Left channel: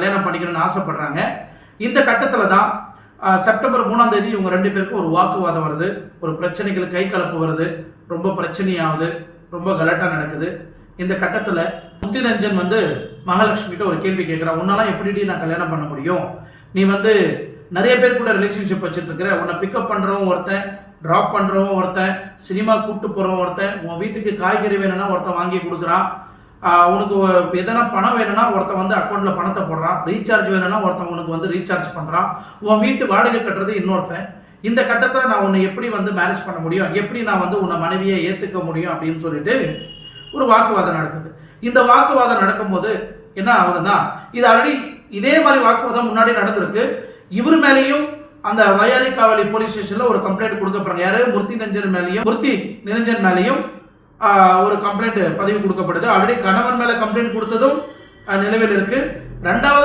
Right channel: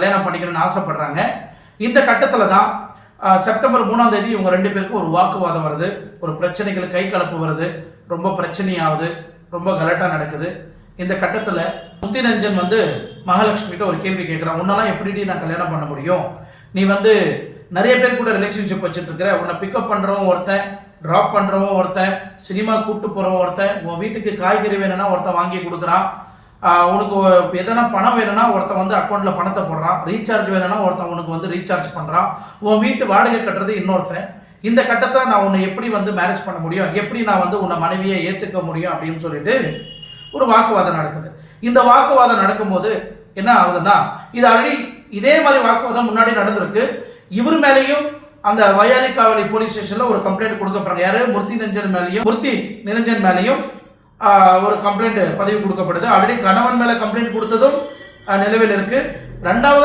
கல்யாணம் பண்ணிக்கணும்னு ஆசைப்படுறாங்க. இந்த கட்டத்தில் தான் செப்டம்பர் 3ஆம் தேதி இவங்க 2 பேருக்கும் ஒரு வாக்குவாதம் வருது. ஒரு பிரச்சனைகள் கை கலப்பு வருது. ரொம்ப பிரச்சனையாகுது. ரொம்ப கலாட்டா நடக்குது. இந்த கட்டத்தில் முத்திரஞ்சன் மகாலட்சுமி கிட்ட ஒரு கேள்வி கேட்குறான். உன்னெல்லாம் எப்படி நான் கல்யாணம் பண்ண முடியும்? நீ நிறைய பேர் கூட ரிலேஷன்ஷிப் வச்சுட்டு இருக்கிற. உன்னை பிக்கப் பண்ணுறவன் ஒருத்தன், ட்ராப் பண்ணுறவன் ஒருத்தன், சினிமா கூப்பிட்டு போகிறவன் ஒருத்தன், உன் வீட்டுக்கு காய்கறி வேணும்னா ஒருத்தன் வாங்கி கொடுக்குறான், உனக்கு எதனா பணம் வேணும்னா ஒருத்தன் அக்கௌண்ட்ல பணத்தை போடுறான், ரீசார்ஜ் வேணும்னா ஒருத்தன் உனக்கு ரீசார்ஜ் பண்றான், உன் வீட்டு வாடகை கட்டுறது இன்னொருத்தன். இந்த கட்டத்தில் நான் உன்னை எப்படி மேரேஜ் பண்ண முடியும், எப்படி நான் உன்னை மனைவியை ஏத்துக்க முடியும் அப்படின்னு சொல்லிட்டு ஒரு வாக்குவாதம் நடக்குது. இந்த வாக்குவாதம் நடக்கும்போது என்ன ஆகுதுன்னா, இது ஆல்ரெடி இதே மாதிரி வாக்குவாதம் முன்னாடி நடந்திருக்கு. இவர் மேலேயும் அந்த வயாலி காவலி போலீஸ் ஸ்டேஷன்ல ஒரு கம்ப்ளைண்ட் கொடுக்கப்படுறாங்க. யாரு? மூர்த்தி நிரஞ்சன் மேலேயும் ஒரு கம்ப்ளைண்ட் பதிவு கொடுக்கப்படுது. ஆல்ரெடி கணவன் மேல கம்ப்ளைண்ட் கொடுத்ததும் நிலுவையில் இருக்கு. 2வது